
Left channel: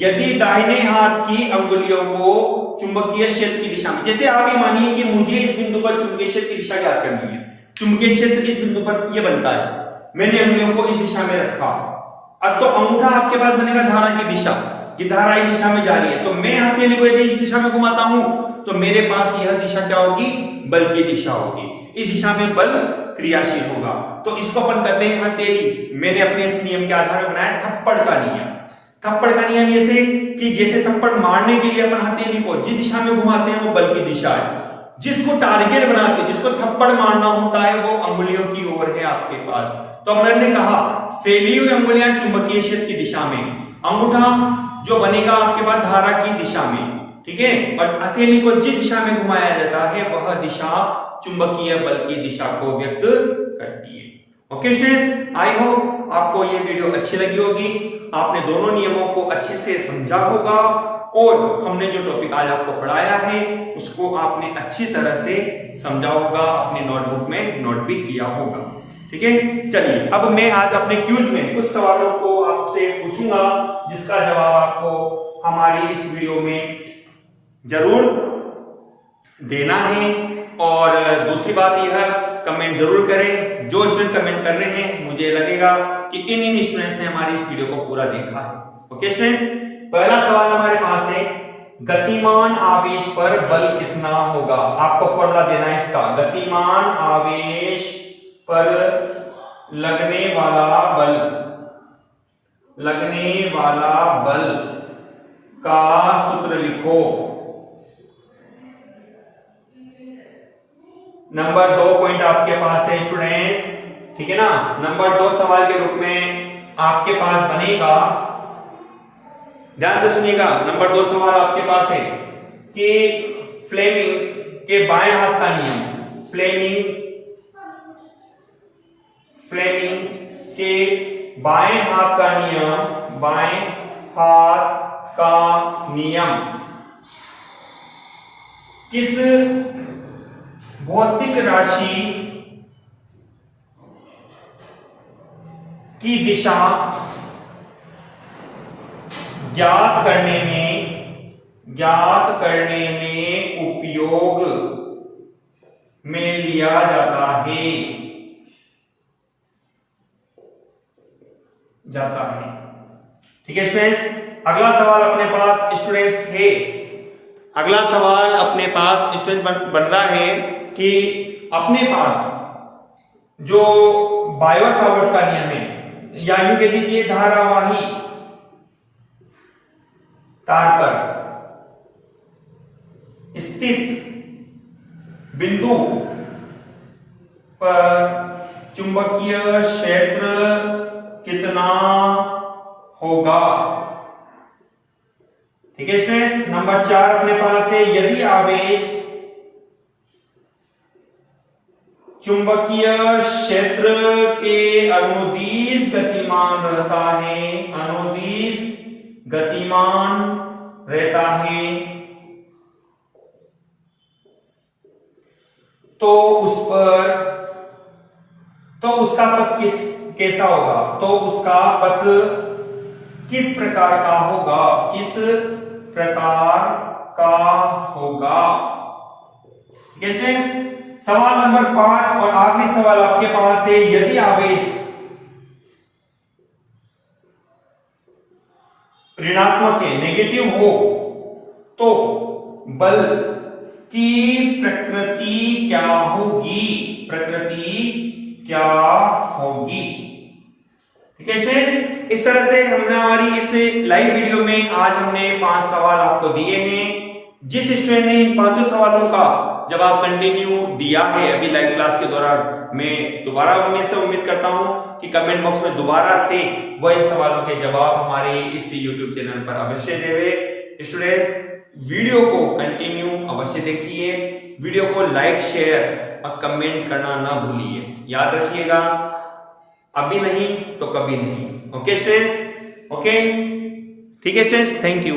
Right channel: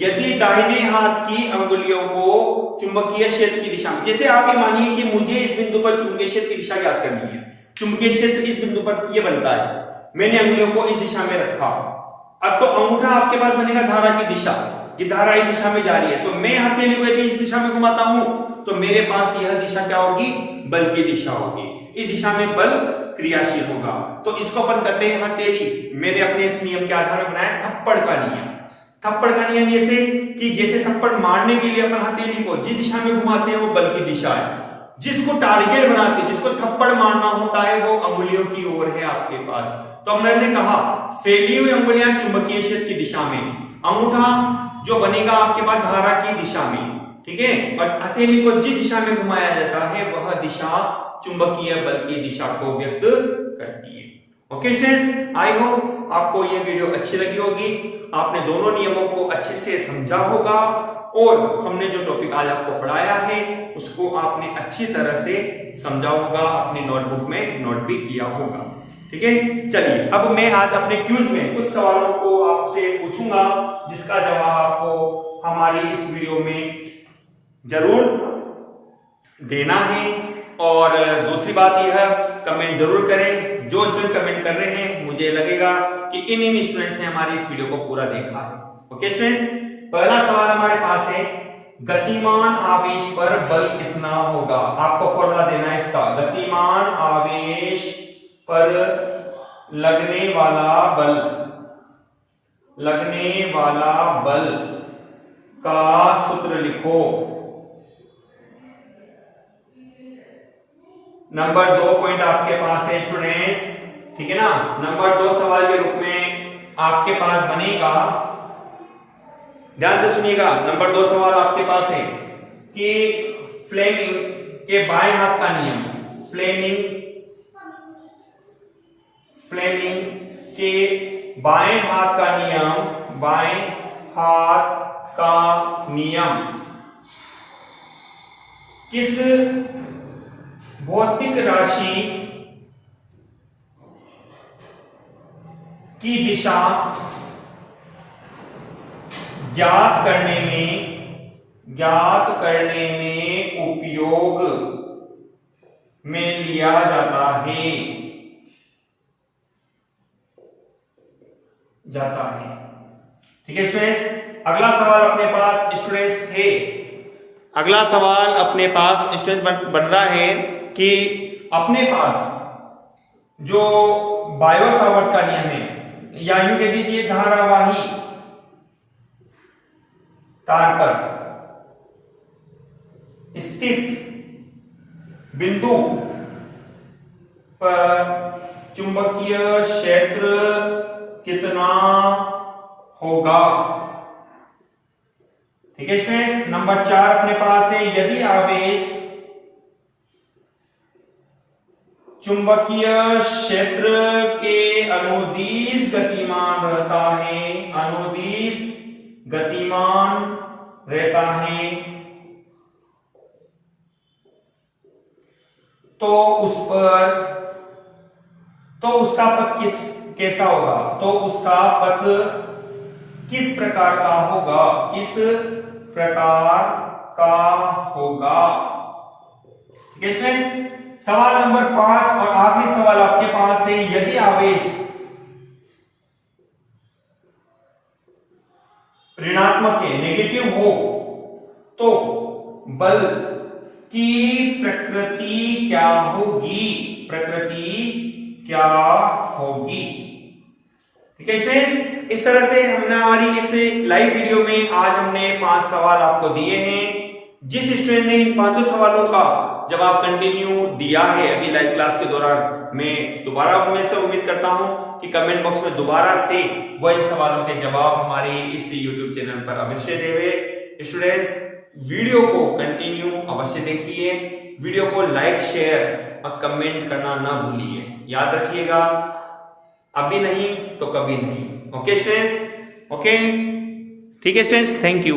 यदि दाहिने हाथ की अंगुलियों को चुंबकीय क्षेत्र की दिशा में, जैसे आप ये मानिए कि मुझे इस बिंदु पर चुंबकीय क्षेत्र की दिशा ज्ञात करनी है, चुंबकीय क्षेत्र इस बिंदु पर ये बनता है, मैंने अंगुलियों को इस दिशा में रखा, अब तो अंगूठा आपके पास बनेगा धारा की दिशा, कि धारा इस दिशा में जा रही है, तो मैं हथेली को यदि इस दिशा में घुमाता हूं तो मेरे पास यह दिशा क्या होगी, बल की दिशा होगी, इस दिशा में बल क्रियाशील होगा। तो इसको अपन कहते हैं हथेली। मैंने अपने इस नियम के आधार पर बनाया थप्पड़ का नियम। थप्पड़ का नियम ऐसे कि जैसे थप्पड़ मारने के लिए अपन हथेली को जिस दिशा में घुमाते हैं वो बल की दिशा है, जिसको टारगेट बना के जिसको थप्पड़ मारना होता है वो अंगुलियों की ओर है आपके पास। तो हमने कहा फैली हुई अंगुलियां चुंबकीय क्षेत्र की दिशा में, अंगूठा जो बनेगा आपके पास धारा की दिशा में, ठीक है, और हथेली को जिस दिशा में घुमाया जाता है वह दिशा चुंबकीय बल की दिशा को व्यक्त करती है। ओके स्टूडेंट्स, आई होप आपको यह वीडियो अच्छी लगी होगी, आपने दोनों नियमों को अच्छे से समझा होगा और हमने जो टॉपिक आज आपको पढ़ाया है उसको आपने अच्छी तरह से समझा होगा, अपने नोटबुक में नोट भी किया होगा। ठीक है, चलिए अब मैं आज अपने क्यूज में कुछ सवालों को आपसे पूछूंगा जिसका जवाब आपको हमारी इस वीडियो में जरूर देना है। और दूसरी बात यह, कमेंट जरूर करें। जो स्टूडेंट कमेंट कर रहे हैं मुझे लगेगा कि इन स्टूडेंट्स ने हमारी इस वीडियो को पूरा देखा है। ओके स्टूडेंट्स, पहला सवाल हमारे पास है, गतिमान आवेश पर बल कितना होगा? आपको फॉर्मूला देना है इसका। गतिमान आवेश पर लगने वाला बल का सूत्र लिखो। नंबर 2 पॉइंट आपके पास है स्टूडेंट्स, ठीक है ना। नंबर 2 सवाल के रूप में आपके पास बनेगा, ध्यान से सुनिएगा। नंबर 2 सवाल आपके पास है कि फ्लेमिंग के बाएं हाथ का नियम, फ्लेमिंग के बाएं हाथ का नियम किस भौतिक राशि की दिशा ज्ञात करने में उपयोग में लिया जाता है। ठीक है स्टूडेंट्स, अगला सवाल अपने पास स्टूडेंट्स है, अगला सवाल अपने पास स्टूडेंट बन रहा है कि अपने पास जो बायो सावर्ट का नियम है, या यूं कह दीजिए धारावाही तार पर स्थित बिंदु पर चुंबकीय क्षेत्र कितना होगा। ठीक है स्टूडेंट्स, नंबर 4 अपने पास है, यदि आवेश चुंबकीय क्षेत्र के अनुदिश गतिमान रहता है, अनुदिश गतिमान रहता है, तो उस पर उसका पथ कैसा होगा, तो उसका पथ किस प्रकार का होगा, किस प्रकार का होगा। ठीक है स्टूडेंट्स, सवाल नंबर 5 और आखिरी सवाल आपके पास है, यदि आवेश ऋणात्मक है, नेगेटिव हो, तो बल की प्रकृति क्या होगी, प्रकृति क्या होगी। ठीक है स्टूडेंट्स, इस तरह से हमने हमारी इस लाइव वीडियो में आज हमने 5 सवाल आपको दिए हैं। जिस स्टूडेंट ने इन 5 सवालों का जवाब कंटिन्यू दिया है अभी लाइव क्लास के दौरान, मैं दोबारा उनमें से उम्मीद करता हूं कि कमेंट बॉक्स में दोबारा से वह इन सवालों के जवाब हमारे इस यूट्यूब चैनल पर अवश्य देवे। स्टूडेंट्स, वीडियो को कंटिन्यू अवश्य देखिए, वीडियो को लाइक शेयर और कमेंट करना ना भूलिए। याद रखिएगा, अभी नहीं तो कभी नहीं। ओके स्टूडेंट्स, ओके, ठीक है स्टूडेंट्स, थैंक यू।